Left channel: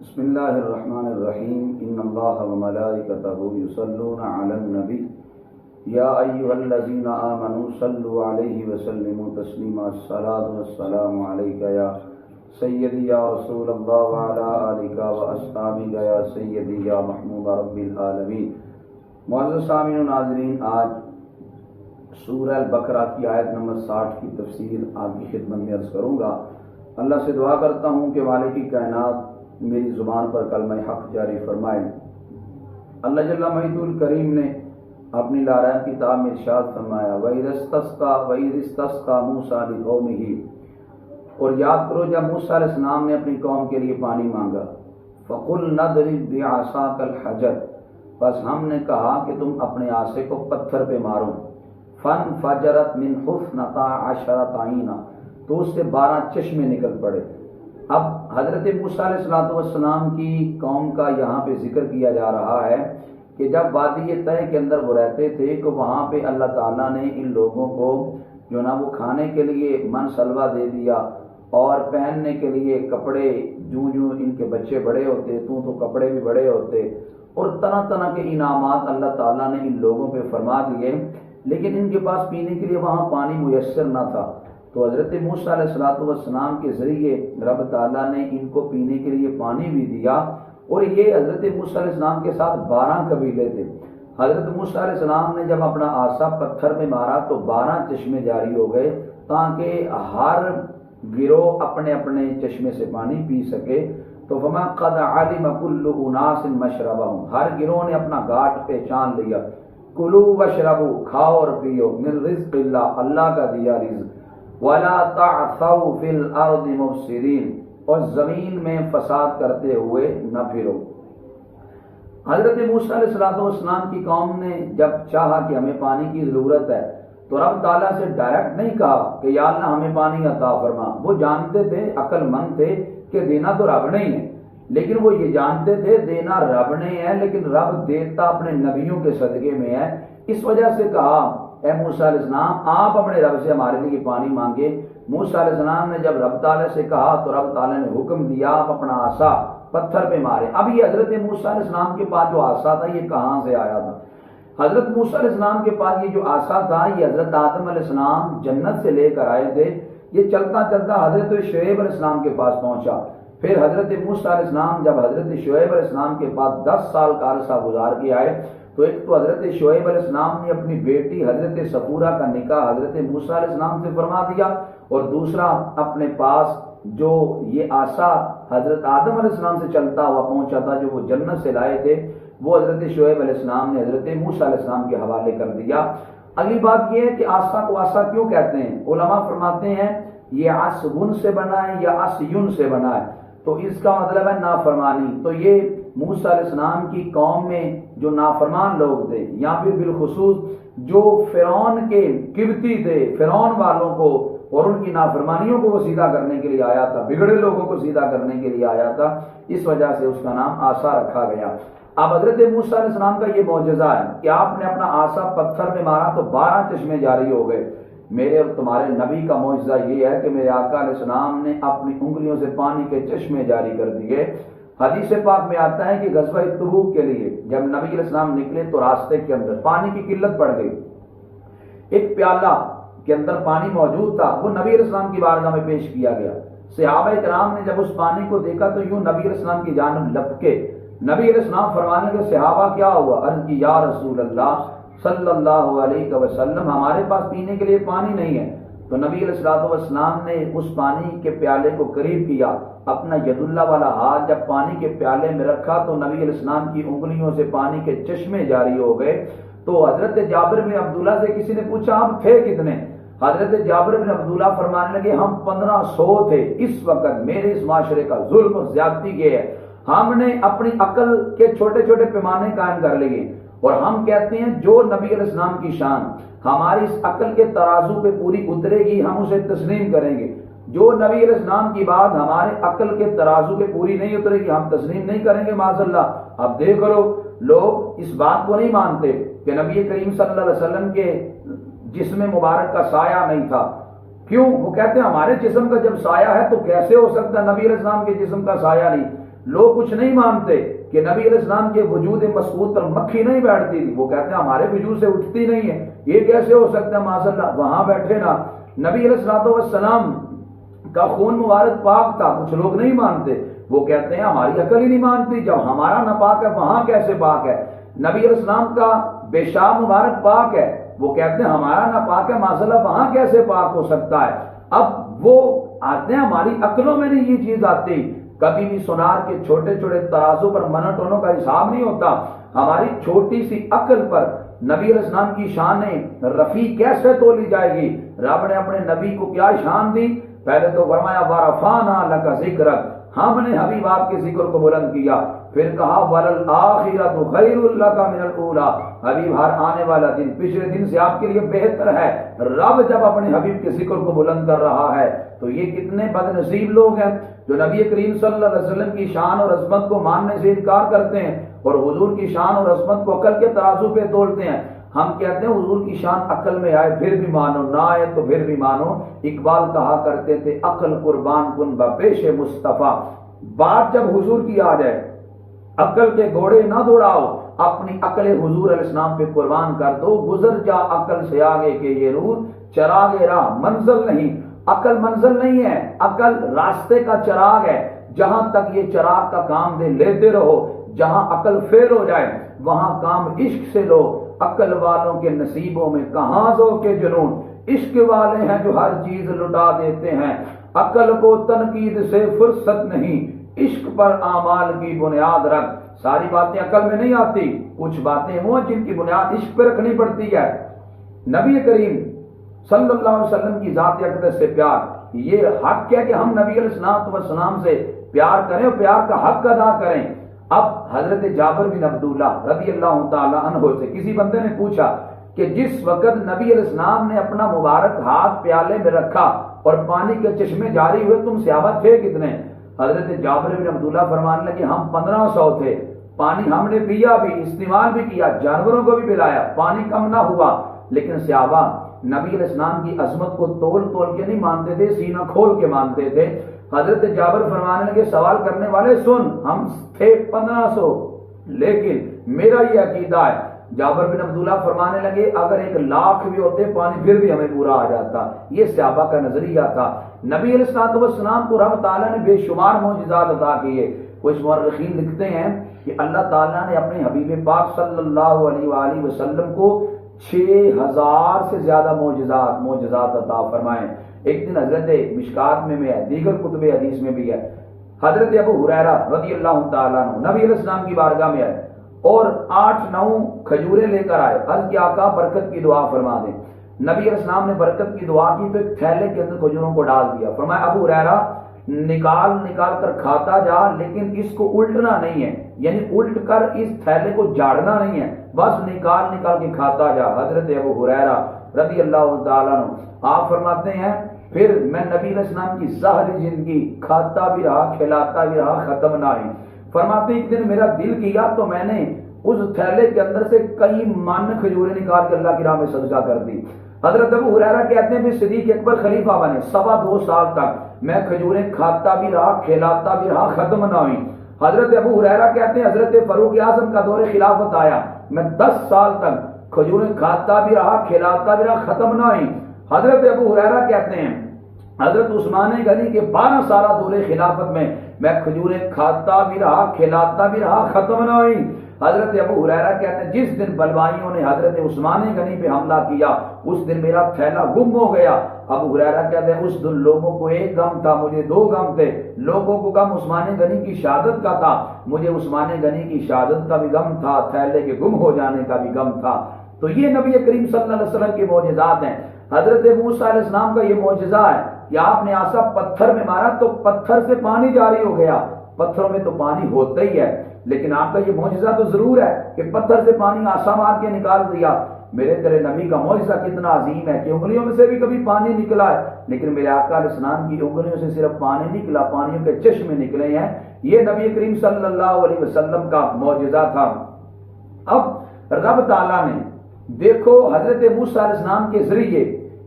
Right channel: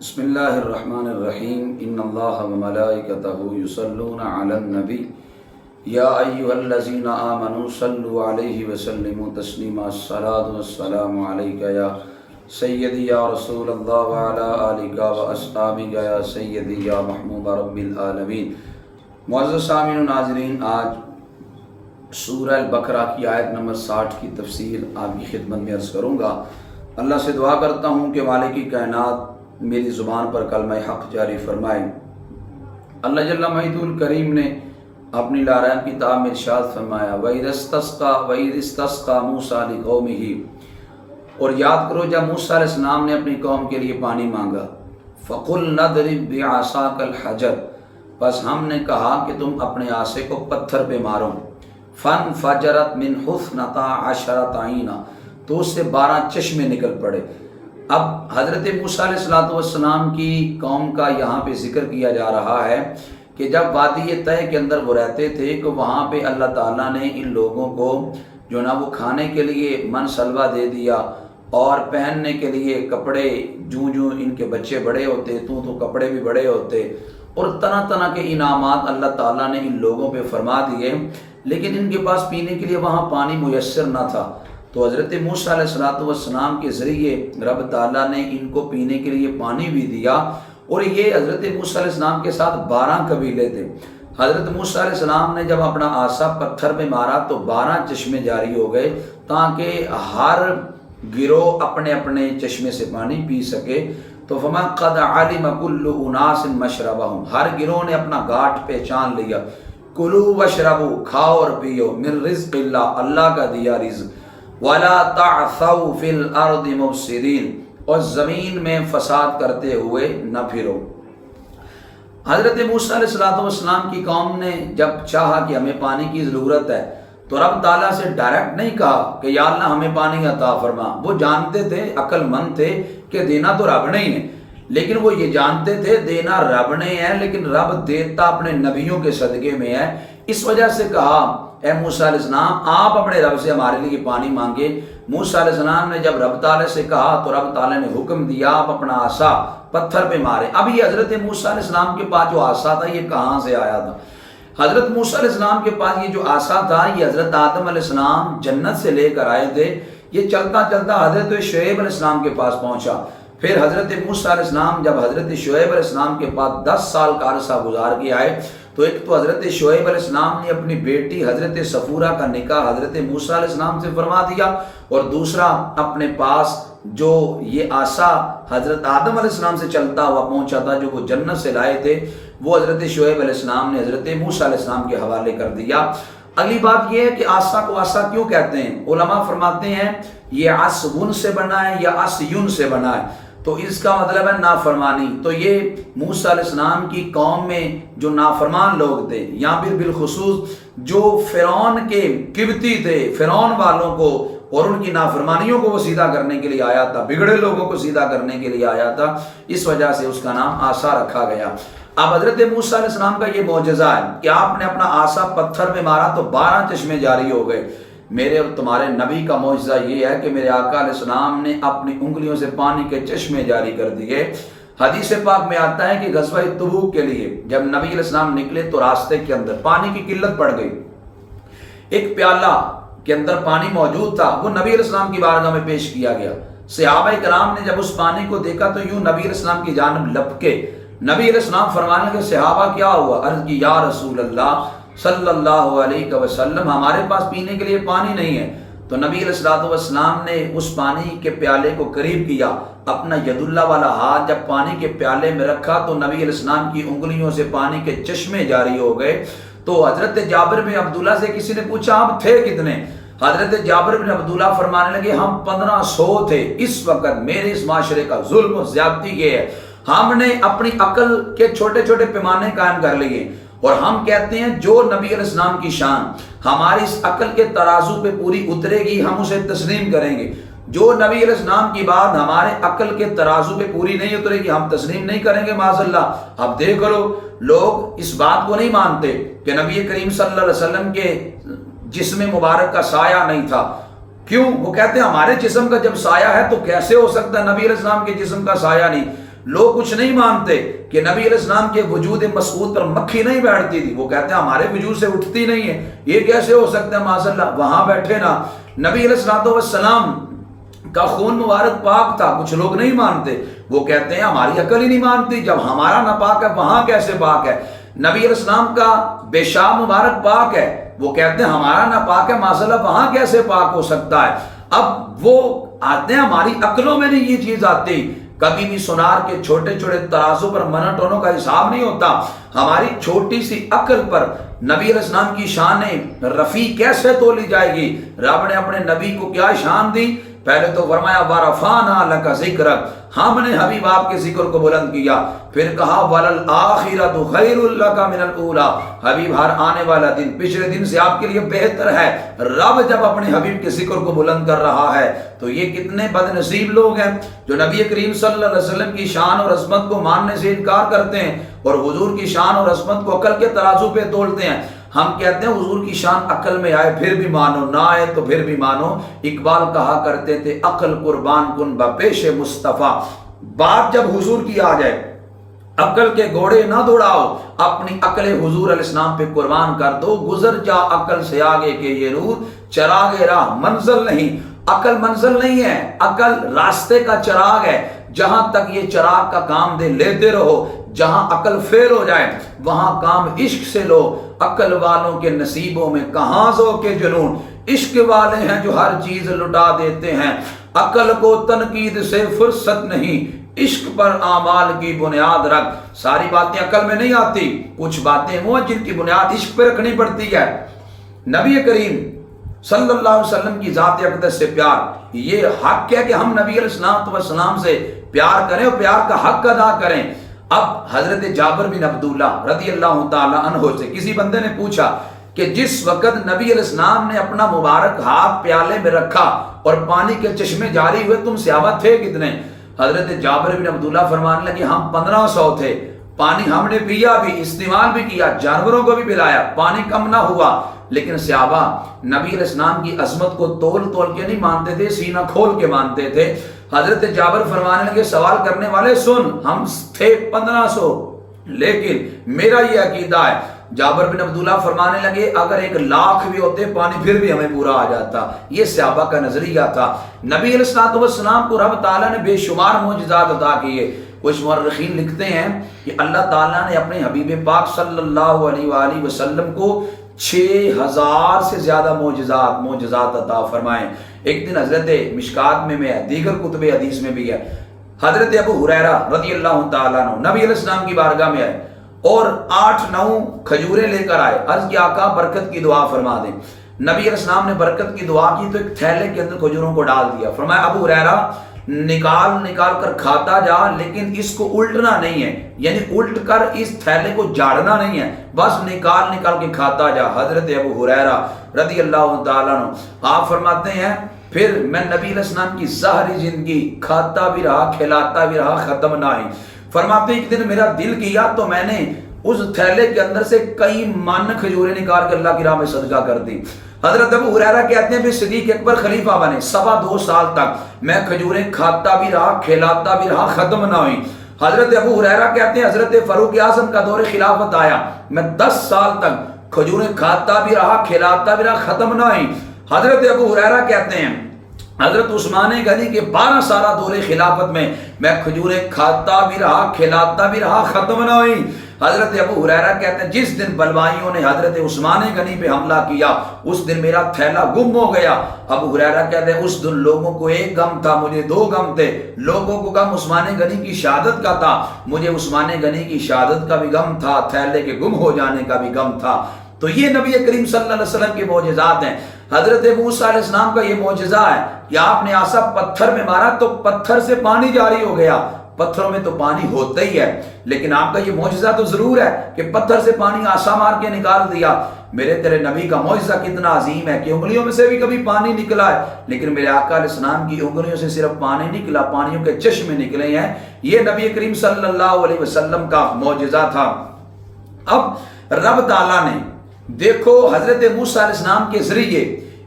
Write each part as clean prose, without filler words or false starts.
بسم اللہ الرحمن الرحیم ان اللہ وملائکتہ یصلون علی النبی یا ایہا الذین آمنوا صلوا علیہ وسلموا تسلیما الصلاۃ والسلام علیک یا سیدی یا رسول اللہ وعلی آلک واصحابک یا سیدی یا محمود رب العالمین۔ معزز سامعین و ناظرین، آج سورہ البقرہ کی آیت نمبر 60 کی تفصیل آپ کی خدمت میں عرض کروں گا۔ اللہ سے دعا کرتا ہوں کہ مالک کائنات میری زبان پر کلمہ حق جاری فرمائے۔ اللہ جل مجدہ الکریم نے اپنی لارائن کتاب میں ارشاد فرمایا وَإِذِ اسْتَسْقَىٰ مُوسَىٰ لِقَوْمِهِ، اور یاد کرو جب موسیٰ علیہ السلام نے اپنی قوم کے لیے پانی مانگا، فَقُلْنَا اضْرِب بِعَصَاكَ الْحَجَرَ، بس ہم نے کہا کہ تم اپنے عصا کو پتھر پہ مارو، فَانْفَجَرَتْ مِنْهُ اثْنَتَا عَشْرَةَ عَيْنًا، تو اس سے 12 چشمے نکل پڑے۔ اب حضرت موسیٰ علیہ السلام کی قوم کا یہاں پہ ذکر کیا جا رہا ہے کہ جب وادی طے کے اندر وہ رہتے تھے کہ وہاں پہ اللہ تعالیٰ نے ان لوگوں کو جو نا وہ کھانے کے لیے من سلوا دے دیا، اور پہننے کے لیے کپڑے، جوں ان کے بچے بڑے ہوتے تو کپڑے بھی بڑے ہوتے، اور طرح طرح کے انعامات اللہ تعالیٰ نے ان لوگوں پہ فرما دیے، لیکن ان کے پاس پینے کے لیے وہاں پانی میسر نہ تھا۔ تو حضرت موسیٰ علیہ السلام کے ذریعے رب تعالیٰ نے ان کو پینے کے لیے پانی بھی دیا، اور یہ حضرت موسیٰ علیہ السلام کے ساتھ 12 قبیلے تھے۔ حضرت موسیٰ علیہ السلام نے جب اپنا عصا پتھر میں مارا تو 12 چشمے جاری ہو گئے، تاکہ ہر گروہ اپنے اپنے چشمے سے پانی پی سکے۔ تو فَمَا قَدْ عَلِمَ كُلُّ أُنَاسٍ مَشْرَبَهُمْ، ہر گروہ نے اپنا گھاٹ پہچان لیا۔ کُلُوا وَاشْرَبُوا، کھاؤ اور پیو، من رزق اللہ، اللہ کا دیا رزق، وَلَا تَعْثَوْا فِي الْأَرْضِ مُفْسِدِينَ، اور زمین میں فساد کرتے ہوئے نہ پھرو۔ حضرت موسیٰ علیہ السلام کی قوم نے جب چاہا کہ ہمیں پانی کی ضرورت ہے تو رب تعالیٰ سے ڈائریکٹ نہیں کہا کہ یا اللہ ہمیں پانی عطا فرما۔ وہ جانتے تھے، عقل مند تھے کہ دینا تو رب نے ہی ہے، لیکن وہ یہ جانتے تھے دینا رب نے ہے، لیکن رب دیتا اپنے نبیوں کے صدقے میں ہے۔ اس وجہ سے کہا اے موسیٰ علیہ السلام آپ اپنے رب سے ہمارے لیے پانی مانگے۔ موسیٰ علیہ السلام نے جب رب تعالیٰ سے کہا تو رب تعالیٰ نے حکم دیا آپ اپنا عصا پتھر پہ مارے۔ اب یہ حضرت موسیٰ علیہ السلام کے پاس جو عصا تھا یہ کہاں سے آیا تھا؟ حضرت موسیٰ علیہ السلام کے پاس یہ جو عصا تھا یہ حضرت آدم علیہ السلام جنت سے لے کر آئے تھے۔ یہ چلتا چلتا حضرت شعیب علیہ السلام کے پاس پہنچا۔ پھر حضرت موسیٰ علیہ السلام جب حضرت شعیب علیہ السلام کے پاس 10 سال کا عرصہ گزار کے آئے تو ایک تو حضرت شعیب علیہ السلام نے اپنی بیٹی حضرت صفورہ کا نکاح حضرت موسیٰ علیہ السلام سے فرما دیا، اور دوسرا اپنے پاس جو یہ عصا حضرت آدم علیہ السلام سے چلتا ہوا پہنچا تھا جو وہ جنت سے لائے تھے، وہ حضرت شعیب علیہ السلام نے حضرت موسیٰ علیہ السلام کے حوالے کر دیا۔ اگلی بات یہ ہے کہ عصا کو عصا کیوں کہتے ہیں؟ علماء فرماتے ہیں یہ عصون سے بنا ہے یا عصیون سے بنا ہے، تو اس کا مطلب ہے نافرمانی۔ تو یہ موسیٰ علیہ السلام کی قوم میں جو نافرمان لوگ تھے، یا پھر بالخصوص جو فرعون کے قبطی تھے، فرعون والوں کو اور ان کی نافرمانیوں کو وہ سیدھا کرنے کے لیے آیا تھا، بگڑے لوگوں کو سیدھا کرنے کے لیے آیا تھا، اس وجہ سے اس کا نام عصا رکھا گیا۔ اب حضرت موسیٰ علیہ السلام کا یہ معجزہ ہے کہ آپ نے اپنا عصا پتھر میں مارا تو 12 چشمے جاری ہو گئے۔ میرے اور تمہارے نبی کا معجزہ یہ ہے کہ میرے آقا علیہ السلام نے اپنی انگلیوں سے پانی کے چشمے جاری کر دیے۔ حدیث پاک میں آتا ہے کہ غزوہ تبوک کے لیے جب نبی علیہ السلام نکلے تو راستے کے اندر پانی کی قلت پڑ گئی، ایک پیالہ کے اندر پانی موجود تھا، وہ نبی علیہ السلام کی بارگاہ میں پیش کیا گیا۔ صحابہ کرام نے جب اس پانی کو دیکھا تو یوں نبی علیہ السلام کی جانب لپکے۔ نبی علیہ السلام فرمانے لگے صحابہ کیا ہوا؟ عرض کی یا رسول اللہ صلی اللہ علیہ وسلم ہمارے پاس پینے کے لیے پانی نہیں ہے۔ تو نبی علیہ السلام نے اس پانی کے پیالے کو قریب کیا، اپنا ید اللہ والا ہاتھ جب پانی کے پیالے میں رکھا تو نبی علیہ السلام کی انگلیوں سے پانی کے چشمے جاری ہو گئے۔ تو حضرت جابر بن عبداللہ سے کسی نے پوچھا آپ تھے کتنے؟ حضرت جابر بن عبداللہ فرمانے لگے ہم 1500 تھے۔ اس وقت میرے اس معاشرے کا ظلم و زیادتی یہ ہے ہم نے اپنی عقل کے چھوٹے چھوٹے پیمانے قائم کر لیے، اور ہم کہتے ہیں جو نبی علیہ السلام کی شان ہماری اس عقل کے ترازو پہ پوری اترے گی ہم اسے تسلیم کریں گے، جو نبی علیہ السلام کی بات ہمارے عقل کے ترازو پہ پوری نہیں اترے گی ہم تسلیم نہیں کریں گے معاذ اللہ۔ اب دیکھ لو لوگ اس بات کو نہیں مانتے کہ نبی کریم صلی اللہ علیہ وسلم کے جسم مبارک کا سایہ نہیں تھا، کیوں؟ وہ کہتے ہیں ہمارے جسم کا جب سایہ ہے تو کیسے ہو سکتا ہے نبی علیہ السلام کے جسم کا سایہ نہیں؟ لوگ کچھ نہیں مانتے کہ نبی علیہ السلام کے وجود مسعود پر مکھی نہیں بیٹھتی تھی، وہ کہتے ہیں ہمارے وجود سے اٹھتی نہیں ہے، یہ کیسے ہو سکتا ہے؟ معاذ اللہ، وہاں بیٹھے نا نبی علیہ السلام کا خون مبارک پاک تھا، کچھ لوگ نہیں مانتے، وہ کہتے ہیں ہماری عقل ہی نہیں مانتی، جب ہمارا ناپاک ہے وہاں کیسے پاک ہے؟ نبی علیہ السلام کا پیشاب مبارک پاک ہے، وہ کہتے ہیں ہمارا ناپاک ہے، معاذ اللہ وہاں کیسے پاک ہو سکتا ہے؟ اب وہ آتے ہیں ہماری عقلوں میں نہیں یہ چیز آتی، کبھی بھی سونار کے چھوٹے چھوٹے ترازوں پر منٹونوں کا حساب نہیں ہوتا، ہماری چھوٹی سی عقل پر نبی علیہ السلام کی شان رفیع کیسے تولی جائے گی؟ رب نے اپنے نبی کو کیا شان دی؟ پہلے تو فرمایا وَرَفَعْنَا لَكَ ذِكْرَكَ، ہم نے حبیب آپ کے ذکر کو بلند کیا، پھر کہا وَلَلْآخِرَةُ خَيْرٌ لَكَ مِنَ الْأُولَىٰ، حبیب ہر آنے والا دن پچھلے دن سے آپ کے لیے بہتر ہے۔ رب جب اپنے حبیب کے ذکر کو بلند کر رہا ہے تو یہ کتنے بد نصیب لوگ ہیں جو نبی کریم صلی اللہ علیہ وسلم کی شان اور عظمت کو ماننے سے انکار کرتے ہیں اور حضور کی شان اور عظمت کو عقل کے ترازو پہ تولتے ہیں۔ ہم کہتے ہیں حضور کی شان عقل میں آئے پھر بھی مانو، نہ آئے تو پھر بھی مانو۔ اقبال کہا کرتے تھے عقل قربان کن بپیش مصطفیٰ، بات جب حضور کی آ جائے عقل کے گھوڑے نہ دوڑاؤ، اپنی عقل حضور علیہ السلام پہ قربان کر دو، گزر جا عقل سے آگے کہ یہ نور چراغ راہ منزل نہیں۔ عقل منزل نہیں ہے، عقل راستے کا چراغ ہے، جہاں تک یہ چراغ کا کام دے لیتے رہو، جہاں عقل فیل ہو جائے وہاں کام عشق سے لو۔ عقل والوں کے نصیبوں میں کہاں ذوق جنون، عشق والے ہیں جو ہر چیز لٹا دیتے ہیں۔ عقل کو تنقید سے فرصت نہیں، عشق پر اعمال کی بنیاد رکھ۔ ساری باتیں عقل میں نہیں آتی، کچھ باتیں وہ ہیں جن کی بنیاد عشق پہ رکھنی پڑتی ہے۔ نبی کریم صلی اللہ علیہ وسلم کی ذات اقدس سے پیار، یہ حق ہے کہ ہم نبی علیہ السلام سے پیار کریں اور پیار کا حق ادا کریں۔ اب حضرت جابر بن عبداللہ رضی اللہ تعالی عنہ سے کسی بندے نے پوچھا کہ جس وقت نبی علیہ السلام نے اپنا مبارک ہاتھ پیالے میں رکھا اور پانی کے چشمے جاری ہوئے تم صحابہ تھے کتنے؟ حضرت جابر بن عبداللہ فرمانے لگے ہم 1500 تھے، پانی ہم نے پیا بھی، استعمال بھی کیا، جانوروں کو بھی پلایا، پانی کم نہ ہوا، لیکن صحابہ نبی علیہ السلام کی عظمت کو تول تول کے نہیں مانتے تھے، سینہ کھول کے مانتے تھے۔ حضرت جابر فرمانے لگے سوال کرنے والے سن، ہم تھے 1500 لیکن میرا یہ عقیدہ ہے۔ جابر بن عبداللہ فرمانے لگے اگر 1,00,000 بھی ہوتے پانی پھر بھی ہمیں پورا آ جاتا۔ یہ صحابہ کا نظریہ تھا۔ نبی علیہ السلام کو رب تعالیٰ نے بے شمار معجزات عطا کیے۔ کچھ مورخین لکھتے ہیں کہ اللہ تعالیٰ نے اپنے حبیب پاک صلی اللہ علیہ وآلہ وسلم کو 6000 سے زیادہ معجزات عطا فرمائے۔ ایک دن حضرت مشکات میں ہے، دیگر کتب حدیث میں بھی ہے، حضرت ابو ہریرہ رضی اللہ تعالیٰ عنہ نبی علیہ السلام کی بارگاہ میں آئے اور 8-9 کھجوریں لے کر آئے، عرض کیا آقا برکت کی دعا فرما دیں۔ نبی علیہ السلام نے برکت کی دعا کی تو ایک تھیلے کے اندر کھجوروں کو ڈال دیا، فرمایا ابو ہریرہ نکال کر کھاتا جا، لیکن اس کو الٹنا نہیں ہے، یعنی الٹ کر اس تھیلے کو جاڑنا نہیں ہے، بس نکال کے کھاتا جا۔ حضرت ابو ہریرہ رضی اللہ تعالیٰ عنہ آپ فرماتے ہیں پھر میں نبی علیہ السلام کی ظاہری زندگی کھاتا بھی رہا کھلاتا بھی رہا، ختم نہ ہوئی۔ فرماتے ہیں ایک دن میرا دل کیا تو میں نے اس تھیلے کے اندر سے کئی من کھجوریں نکال کے اللہ کی راہ میں صدقہ کر دی۔ حضرت ابو ہریرہ کہتے ہیں پھر صدیق اکبر خلیفہ بنے، 2.25 سال تک میں کھجوریں کھاتا بھی رہا کھلاتا بھی رہا، ختم نہ ہوئی۔ حضرت ابو ہریرہ کہتے ہیں حضرت فاروق اعظم کا دور خلافت آیا، میں 10 سال تک کھجوریں کھاتا بھی رہا کھلاتا بھی رہا، ختم نہ ہوئی۔ حضرت ابو ہریرہ کہتے ہیں حضرت عثمان غنی کے 12 سالہ دور خلافت میں کھجوریں کھاتا بھی رہا کھلاتا بھی رہا، ختم نہ ہوئی۔ حضرت ابو ہریرہ کہتے ہیں جس دن بلوائیوں نے حضرت عثمان غنی پہ حملہ کیا اس دن میرا تھیلا گم ہو گیا۔ ابو ہریرہ کہتے ہیں اس دن لوگوں کو ایک غم تھا، مجھے 2 غم تھے، لوگوں کو غم عثمان غنی کی شہادت کا تھا، مجھے عثمان غنی کی شہادت کا بھی غم تھا، تھیلے کے گم ہو جانے کا بھی غم تھا۔ تو یہ نبی کریم صلی اللہ علیہ وسلم کے معجزات ہیں۔ حضرت موسیٰ علیہ السلام کا یہ معجزہ ہے کہ آپ نے عصا پتھر میں مارا تو پتھر سے پانی جاری ہو گیا۔ پتھروں میں تو پانی ہوتا ہی ہے، لیکن آپ کا یہ معجزہ تو ضرور ہے کہ پتھر سے پانی عصا مار کے نکال دیا۔ میرے تیرے نبی کا معجزہ کتنا عظیم ہے کہ انگلیوں میں سے بھی کبھی پانی نکلا ہے، لیکن میرے آقا علیہ السلام کی انگلیوں سے صرف پانی نکلا، پانیوں کے چشمے نکلے ہیں۔ یہ نبی کریم صلی اللہ علیہ وسلم کا معجزہ تھا۔ اب رب تعالیٰ نے دیکھو حضرت موسیٰ علیہ السلام کے ذریعے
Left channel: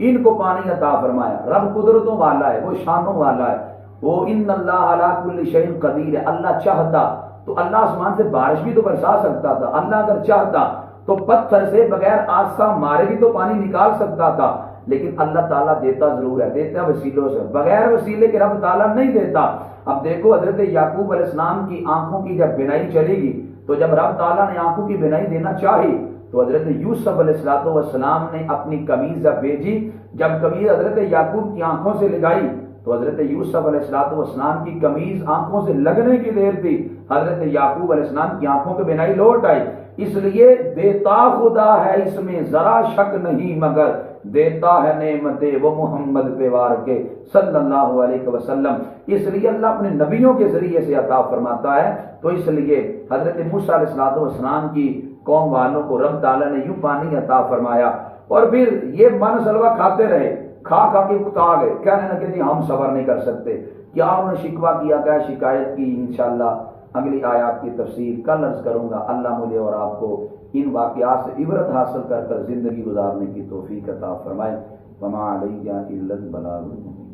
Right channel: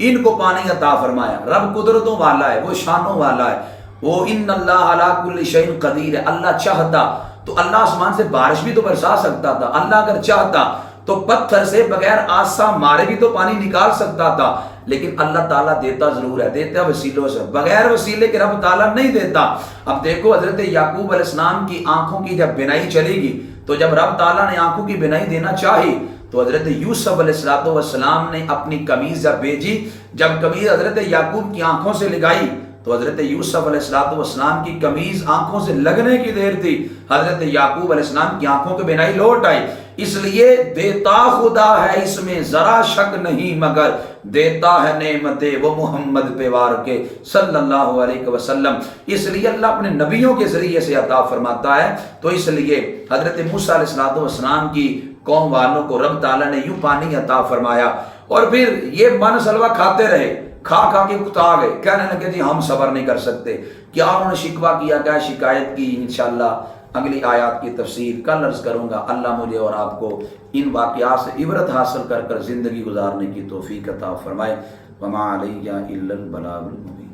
ان کو پانی عطا فرمایا۔ رب قدرتوں والا ہے، وہ شانوں والا ہے۔ وہ ان اللہ علی کل شیء قدیر ہے، اللہ چاہتا تو اللہ آسمان سے بارش بھی تو برسا سکتا تھا، اللہ اگر چاہتا تو پتھر سے بغیر آسا مارے بھی تو پانی نکال سکتا تھا، لیکن اللہ تعالیٰ دیتا ضرور ہے، دیتا وسیلوں سے، بغیر وسیلے کے رب تعالیٰ نہیں دیتا۔ اب دیکھو حضرت یعقوب علیہ السلام کی آنکھوں کی جب بینائی چلے گی تو جب رب تعالیٰ نے آنکھوں کی بینائی دینا چاہی تو حضرت یوسف علیہ السلام نے اپنی قمیض جب بھیجی، جب قمیض حضرت یعقوب کی آنکھوں سے لگائی تو حضرت یوسف علیہ السلام کی قمیض آنکھوں سے لگنے کی دیر تھی، حضرت یعقوب علیہ السلام کی آنکھوں کی بینائی لوٹ آئی۔ اس لیے دیتا خدا ہے، اس میں ذرا شک نہیں، مگر دیتا ہے نعمتیں وہ محمد پہ وار کے صلی اللہ علیہ وسلم۔ اس لیے اللہ اپنے نبیوں کے ذریعے سے عطا فرماتا ہے، تو اس لیے حضرت موسیٰ علیہ السلام کی قوم والوں کو رب تعالیٰ نے یوں پانی عطا فرمایا، اور پھر یہ من سلوہ کھاتے رہے، کھا کھا کے کتا گئے، کہنے لگے جی ہم صبر نہیں کر سکتے۔ کیا انہوں نے شکوہ کیا، کیا شکایت کی، انشاءاللہ اگلی آیات کی تفسیر کل عرض کروں گا۔ اللہ مجھے اور آپ کو ان واقعات سے عبرت حاصل کر کر زندگی گزارنے کی توفیق عطا فرمائے۔ وما علیہ الا البلاغ المبین۔